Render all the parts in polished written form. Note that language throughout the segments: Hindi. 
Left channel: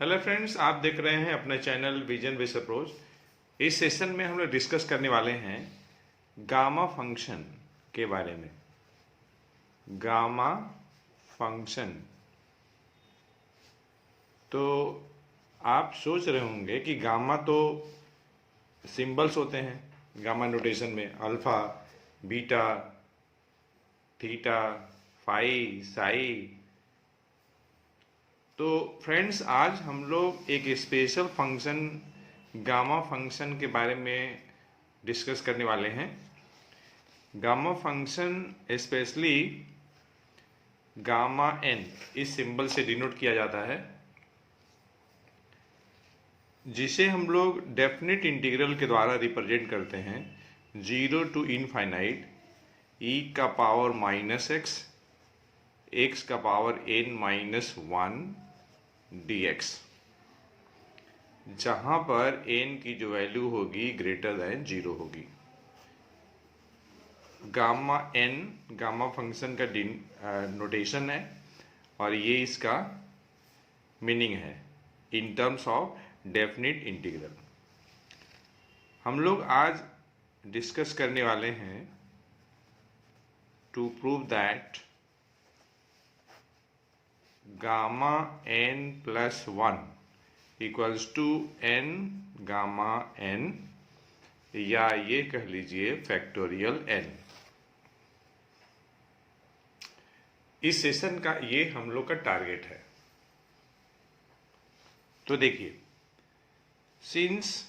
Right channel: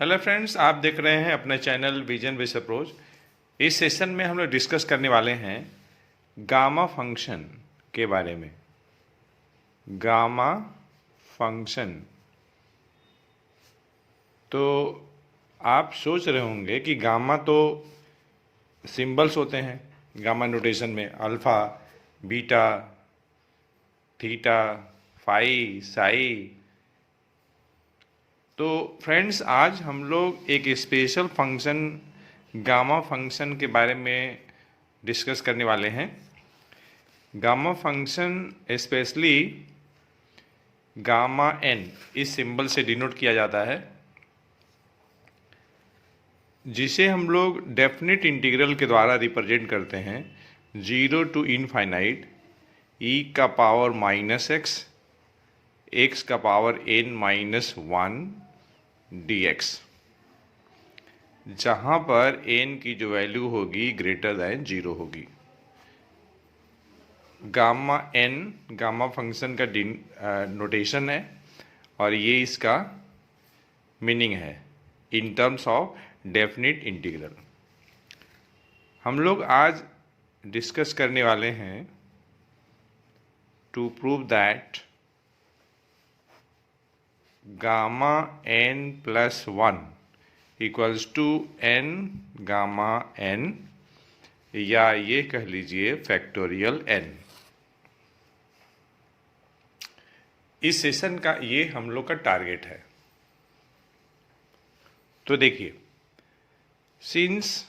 हेलो फ्रेंड्स, आप देख रहे हैं अपने चैनल विजन विद अप्रोच। इस सेशन में हम लोग डिस्कस करने वाले हैं गामा फंक्शन के बारे में। गामा फंक्शन, तो आप सोच रहे होंगे कि गामा तो सिंबल्स होते हैं गामा नोटेशन में, alpha, beta, theta, phi, psi. तो फ्रेंड्स, आज हम लोग एक स्पेशल फंक्शन गामा फंक्शन के बारे में डिस्कस करने वाले हैं। Gamma function specially gamma n इस सिंबल से डिनोट किया जाता है, जिसे हम लोग डेफिनेट इंटीग्रल के द्वारा रिप्रेजेंट करते हैं। 0 टू इनफाइनाइट e का पावर माइनस x का पावर n माइनस 1 dx, जहाँ पर n की जो वैल्यू होगी ग्रेटर दैन 0 होगी। गामा एन गामा फंक्शन का नोटेशन है और ये इसका मीनिंग है in terms of definite integral. हम लोग आज डिस्कस करने वाले हैं to prove that gamma n plus 1 equals to n gamma n, या ये कह लीजिए फैक्टोरियल एन। इस सेशन का ये हम लोग का टारगेट है। तो देखिए, since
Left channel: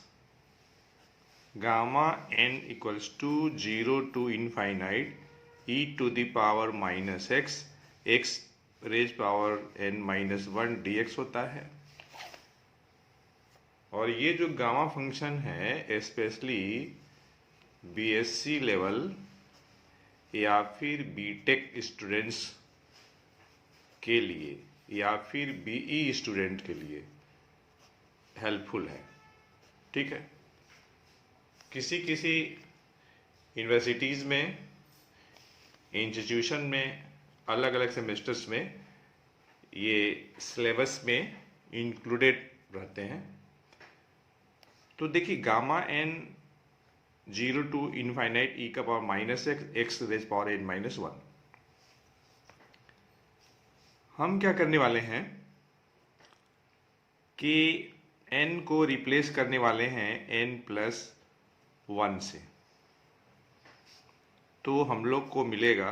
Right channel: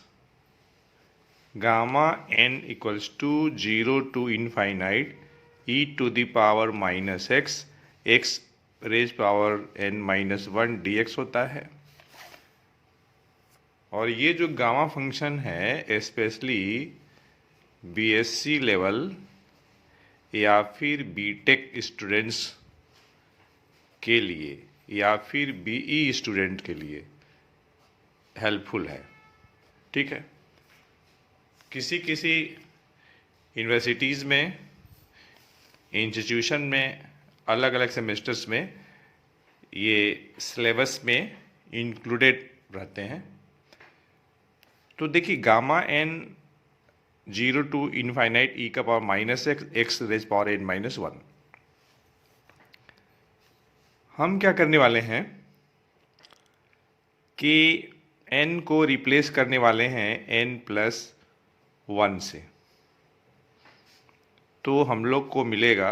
gamma n equals to 0 to infinite e to the power minus x raise power n minus 1 dx होता है। और ये जो गामा फंक्शन है स्पेशली बीएससी लेवल या फिर बीटेक स्टूडेंट्स के लिए या फिर बीई स्टूडेंट के लिए हेल्पफुल है। ठीक है, किसी किसी यूनिवर्सिटीज़ में, इंस्टीट्यूशन में, अलग अलग सेमेस्टर्स में ये सिलेबस में इंक्लूडेड रहते हैं। तो देखिए, gamma n 0 to infinite e का power minus x raise power n minus 1। हम क्या करने वाले हैं कि n को रिप्लेस करने वाले हैं n प्लस 1 से। तो हम लोग को मिलेगा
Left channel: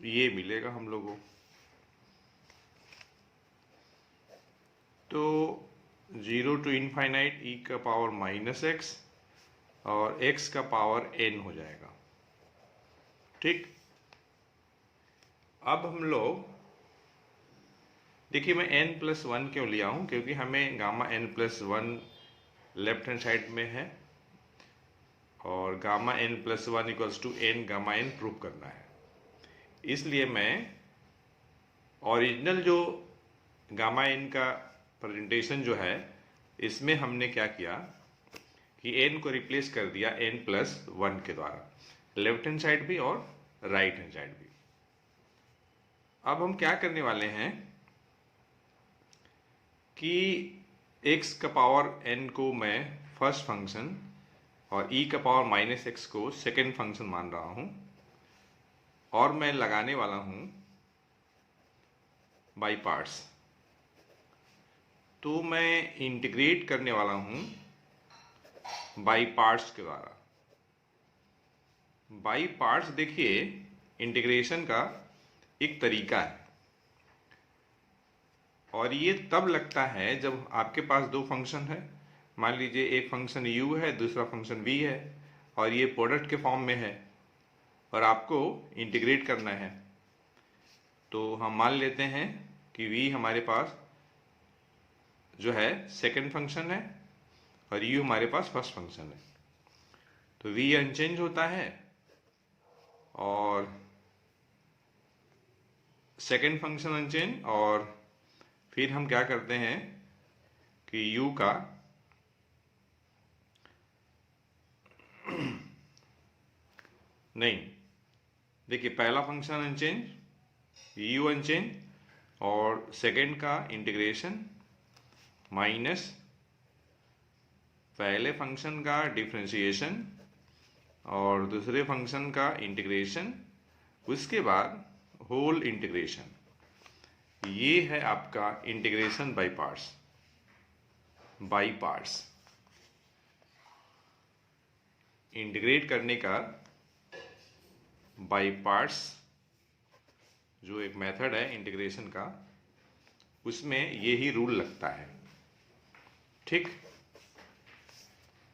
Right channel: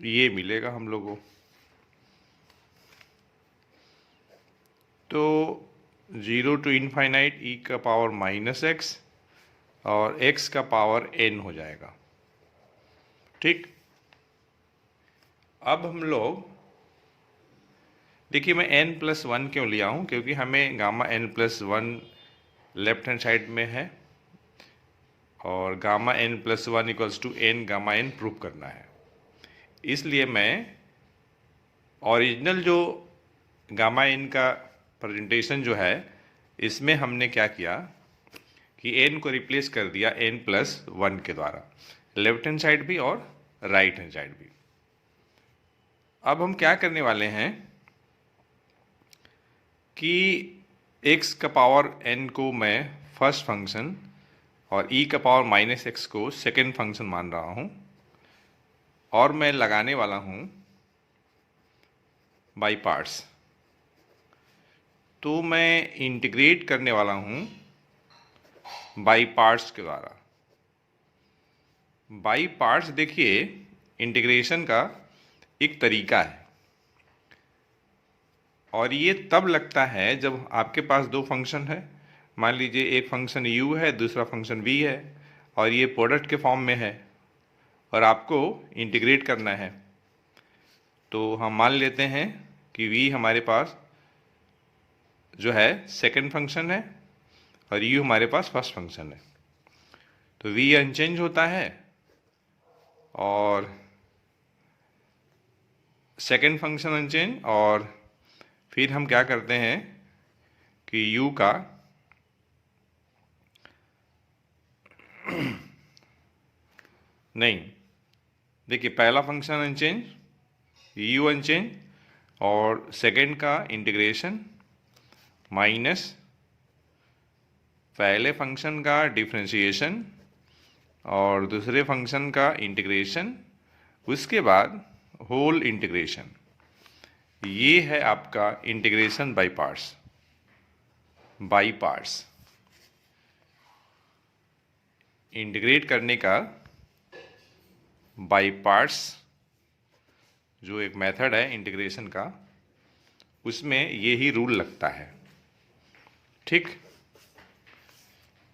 ये मिलेगा हम लोगों को। तो 0 टू इनफाइनाइट e का पावर माइनस x और x का पावर n हो जाएगा। ठीक, अब हम लोग देखिए, मैं n प्लस 1 क्यों लिया हूँ, क्योंकि हमें gamma n plus 1 left hand side में है और gamma n plus 1 equals to n gamma n prove करना है। इसलिए मैं ओरिजिनल जो गामा n का प्रेजेंटेशन जो है, इसमें हमने क्या किया कि n को रिप्लेस कर दिया n प्लस 1 के द्वारा, लेफ्ट हैंड साइड भी और राइट हैंड साइड भी। अब हम क्या करने वाले हैं कि x का पावर n को मैं फर्स्ट फंक्शन और e का पावर माइनस x को सेकेंड फंक्शन मान रहा हूँ, और मैं लगाने वाला हूँ बाई पार्ट्स। तो मैं इंटीग्रेट करने वाला हूँ बाई पार्ट्स के द्वारा। बाई पार्ट्स देखिए, इंटीग्रेशन का एक तरीका है, और ये तब लगता है जब आपके पास दो फंक्शन है। मान लीजिए एक फंक्शन u है, दूसरा फंक्शन v है, और ये प्रोडक्ट के फॉर्म में है और आपको इंटीग्रेट करना है। तो हम मान लेते हैं कि v हमारे पास जो है सेकंड फंक्शन है और u हमारे पास फर्स्ट फंक्शन है। तो v अनचेंज होता है और सेकंड फंक्शन अनचेंज, और फिर हम क्या करते हैं कि u का नहीं, देखिए पहला फंक्शन अनचेंज, यू अनचेंज, और सेकंड का इंटीग्रेशन माइनस पहले फंक्शन का डिफरेंशिएशन और दूसरे फंक्शन का इंटीग्रेशन, उसके बाद होल इंटीग्रेशन। ये है आपका इंटीग्रेशन बाय पार्ट्स। इंटीग्रेट करने का बाय पार्ट्स जो एक मेथड है इंटीग्रेशन का, उसमें ये ही रूल लगता है। ठीक,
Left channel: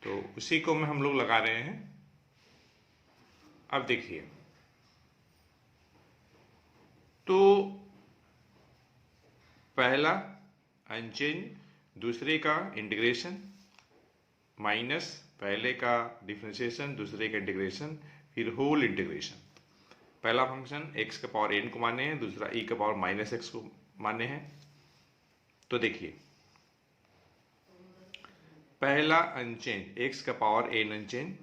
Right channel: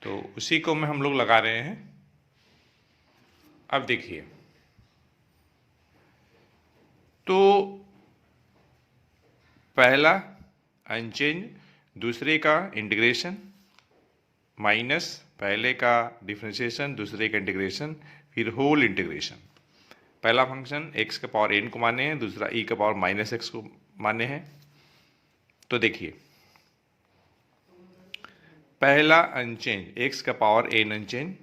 तो उसी को में हम लोग लगा रहे हैं। अब देखिए, तो पहला अनचेंज, दूसरे का इंटीग्रेशन माइनस पहले का डिफरेंशिएशन, दूसरे का इंटीग्रेशन, फिर होल इंटीग्रेशन। पहला फंक्शन x का पावर n को माने हैं, दूसरा e का पावर माइनस एक्स को माने हैं। तो देखिए, पहला अनचेंज x का पावर n अनचेंज,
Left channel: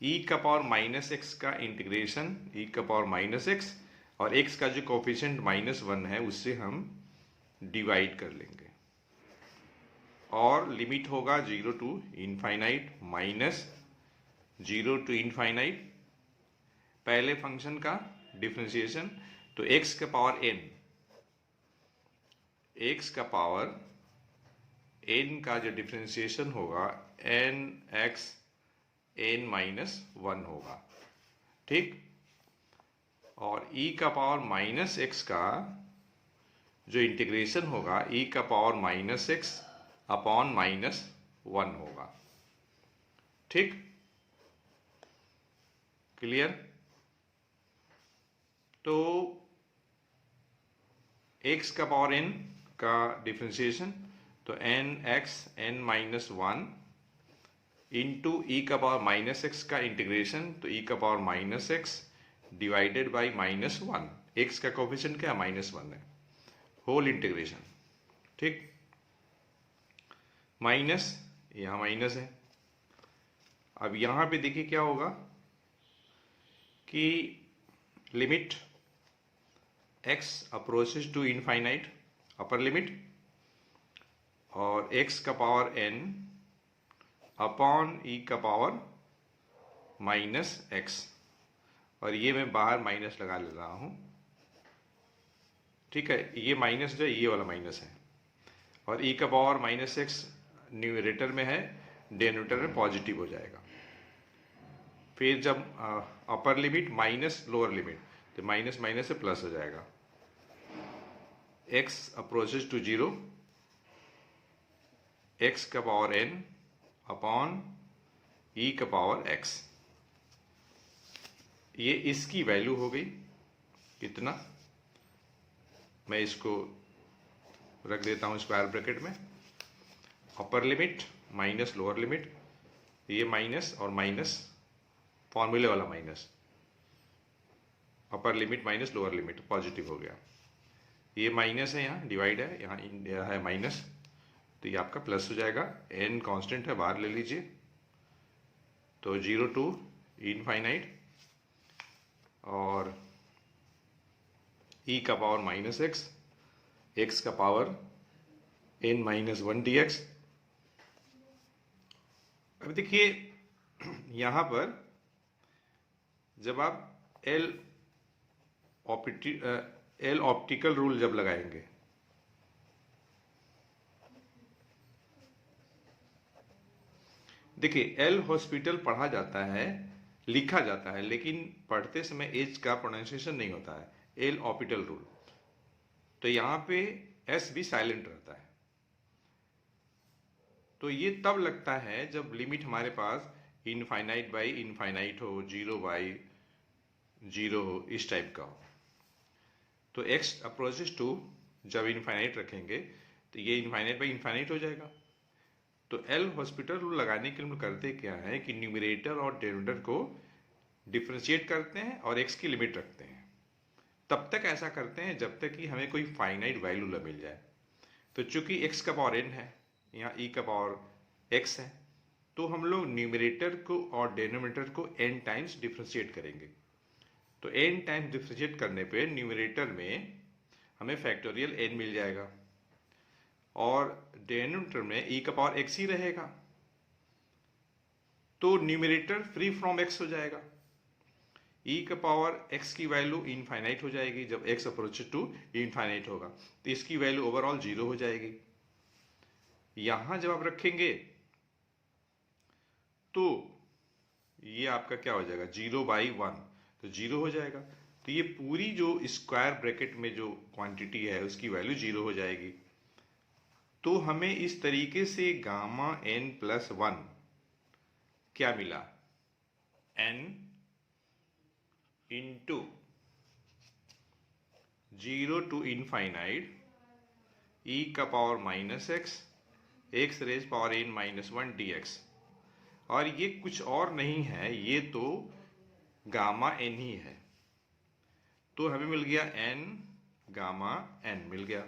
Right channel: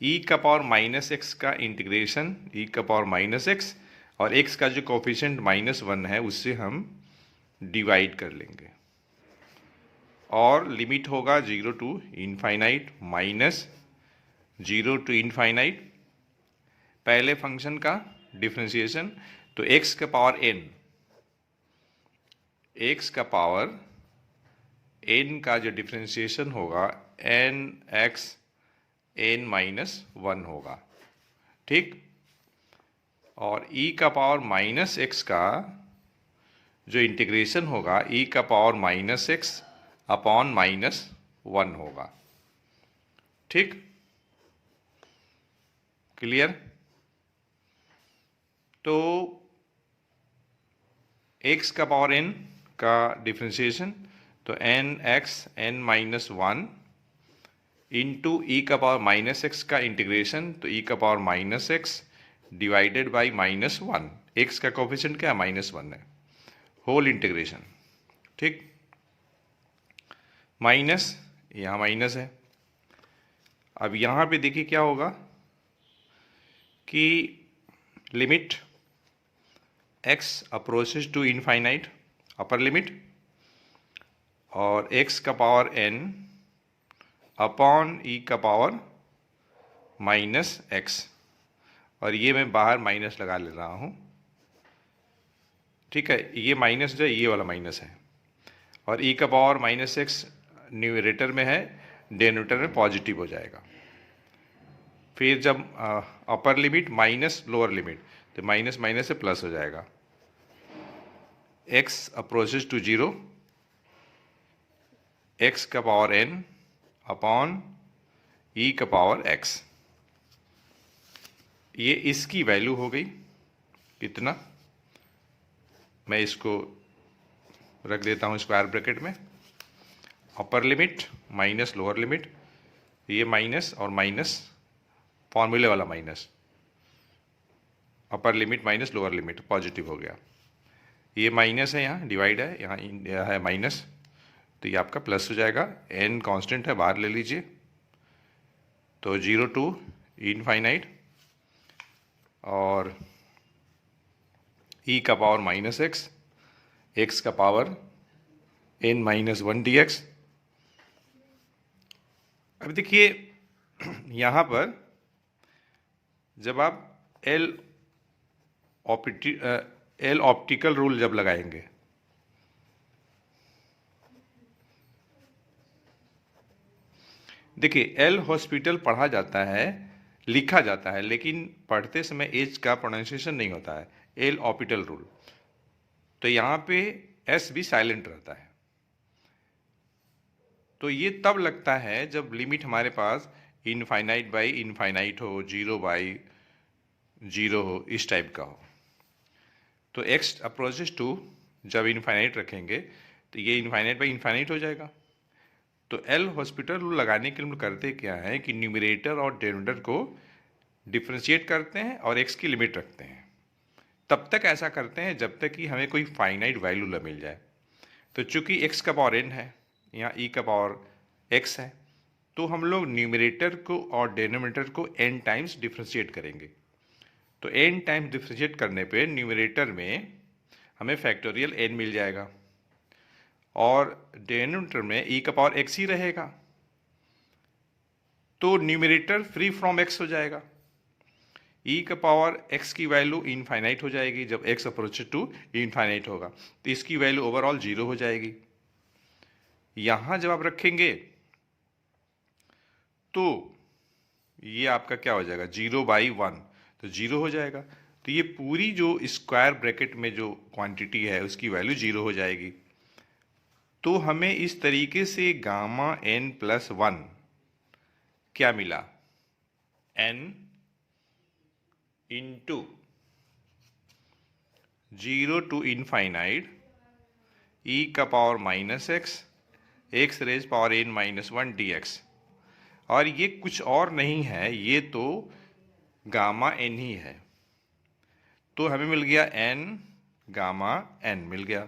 e का पावर माइनस एक्स का इंटीग्रेशन e का पावर माइनस एक्स, और x का जो कोफिशिएंट -1 है उससे हम डिवाइड कर लेंगे, और लिमिट होगा 0 to infinite minus 0 to infinite. पहले फंक्शन का डिफरेंशिएशन, तो x का पावर n, x का पावर n का जो डिफरेंशिएशन होगा n x n माइनस 1 होगा। ठीक, और e का पावर माइनस एक्स का जो इंटीग्रेशन होगा e का पावर माइनस एक्स अपॉन -1 होगा। ठीक, क्लियर? तो x का पावर n का डिफरेंशिएशन, तो n x n minus 1 into e का पावर माइनस एक्स का इंटीग्रेशन, तो e का power minus x divided by -1। x का कोफिशिएंट क्या है? -1 है। Whole integration. ठीक, माइनस, यहाँ माइनस है। अब यहाँ पे देखिए क्या होगा कि limit x approaches to infinite, upper limit, और x का पावर n अपॉन e का पावर माइनस एक्स, और ये मैं बाहर माइनस लगा ले रहा हूँ। ठीक है, ये माइनस जो है ये वाला माइनस है, और e का पावर माइनस एक्स न्यूमरेटर में है, डिनोमिनेटर में पॉजिटिव हो जाएगा। फिर जब upper limit minus lower limit, तो माइनस माइनस से प्लस हो जाएगा। x अप्रोचेस टू 0, x का पावर n अपॉन e का पावर x, ये इसकी वैल्यू हो गई। कितना? मैं इसको रख देता हूँ स्क्वायर ब्रैकेट में। Upper limit minus lower limit, ये माइनस और माइनस, फॉर्मूले वाला minus, upper limit minus lower limit, positive हो गया। ये माइनस है, यहाँ डिवाइड है, यहाँ है माइनस, तो ये आपका प्लस हो जाएगा। n कांस्टेंट है, बाहर ले लीजिए, तो 0 टू इनफाइनाइट, और e का पावर माइनस एक्स, x का पावर n माइनस 1 dx। अब देखिए यहाँ पर जब आप एल ऑप्टिकल रूल जब लगाएंगे, देखिए एल हॉस्पिटल पढ़ा जाता है, लिखा जाता है, लेकिन पढ़ते समय एच का प्रोनाउंसिएशन नहीं होता है, एल ऑप्टिकल रूल। तो यहाँ पे एस भी साइलेंट रहता है। तो ये तब लगता है जब लिमिट हमारे पास इनफाइनाइट बाई इनफाइनाइट हो, 0 बाई 0 हो, इस टाइप का हो। तो x अप्रोचेस टू जब इनफाइनाइट रखेंगे तो ये इनफाइनाइट बाई इनफाइनाइट हो जाएगा। तो एल हॉस्पिटल रूल लगाने के लिए हम करते क्या है कि न्यूमरेटर और डिनोमिनेटर को डिफ्रेंशिएट करते हैं और x की लिमिट रखते हैं। तब तक ऐसा करते हैं जब तक कि हमें कोई फाइनाइट वैल्यू न मिल जाए। तो चूंकि x का पावर n है, यहाँ e का पावर x है, तो हम लोग न्यूमरेटर को और डिनोमिनेटर को n टाइम्स डिफ्रेंशिएट करेंगे। तो n टाइम्स डिफ्रेंशिएट करने पे न्यूमरेटर में हमें फैक्टोरियल n मिल जाएगा और डिनोमिनेटर में e का पावर x ही रहेगा, तो न्यूमरेटर फ्री फ्रॉम x हो जाएगा। e का पावर x की वैल्यू इनफाइनाइट हो जाएगी, जब x अप्रोचेस टू इनफाइनाइट होगा तो इसकी वैल्यू ओवरऑल 0 हो जाएगी। यहां जब आप रखेंगे तो ये आपका क्या हो जाएगा, 0/1, तो 0 हो जाएगा। तो ये पूरी जो स्क्वायर ब्रैकेट में जो क्वांटिटी है उसकी वैल्यू 0 हो जाएगी। तो हमें इस तरीके से गामा n प्लस 1 क्या मिला, n into 0 to infinite e का power -x raise power n-1 dx। और ये कुछ और नहीं है, ये तो गामा n ही है। तो हमें मिल गया n गामा n मिल गया।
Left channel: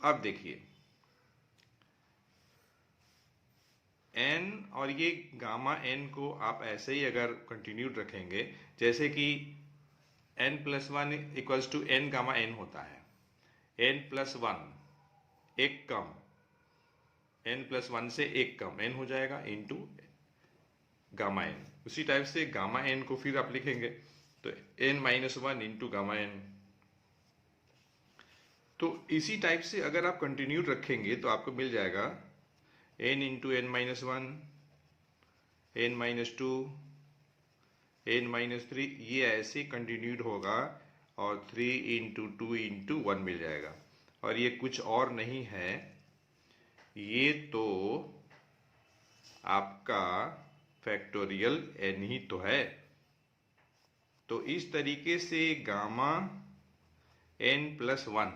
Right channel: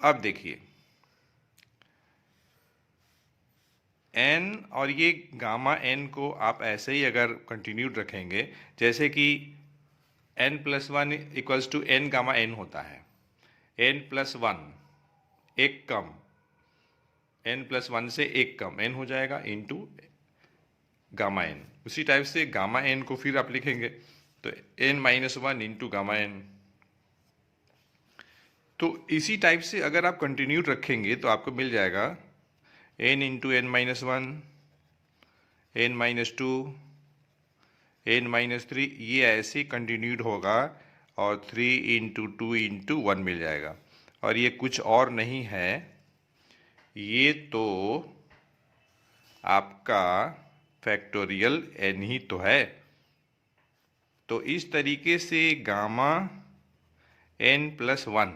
अब देखिए n और ये गामा n को आप ऐसे ही अगर कंटिन्यूड रखेंगे, जैसे कि n plus 1 equals to n gamma n होता है, n प्लस 1 एक कम, n प्लस 1 से एक कम n हो जाएगा इंटू गामा n। उसी टाइप से गामा n को फिर आप लिखेंगे तो n-1 इंटू गामा n। तो इसी टाइप से अगर आप कंटिन्यूड रखेंगे तो आपको मिल जाएगा n into n-1, n-2, n-3, ये ऐसे कंटिन्यूड होगा और 3 इंटू 2 इंटू 1 मिल जाएगा। और ये कुछ और नहीं है, ये तो आपका फैक्टोरियल n ही तो है। तो इस तरीके से gamma n plus 1,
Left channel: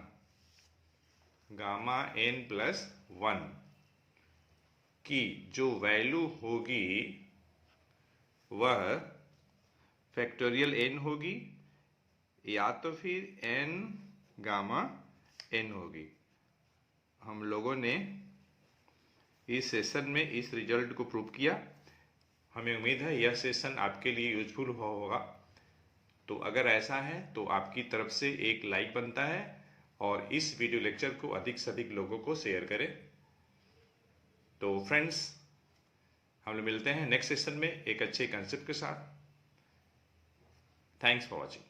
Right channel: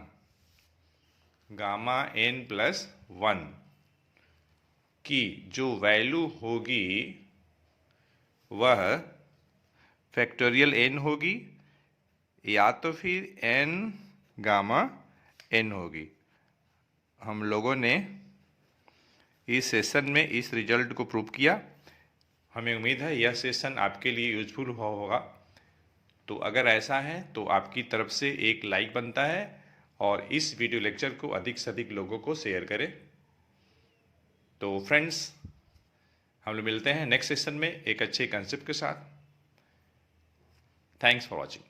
gamma n plus 1 की जो वैल्यू होगी वह फैक्टोरियल n होगी या तो फिर n गामा n होगी। हम लोगों ने इस सेशन में इस रिजल्ट को प्रूव किया। हमें उम्मीद है यह सेशन आपके लिए यूजफुल हुआ होगा। तो अगर ऐसा है तो आपकी तरफ से एक लाइक बनता है और इस वीडियो लेक्चर को अधिक से अधिक लोगों को शेयर करें। तो फ्रेंड्स, हम लोग मिलते हैं नेक्स्ट सेशन में एक अच्छे कंसेप्ट के साथ। Thanks for watching.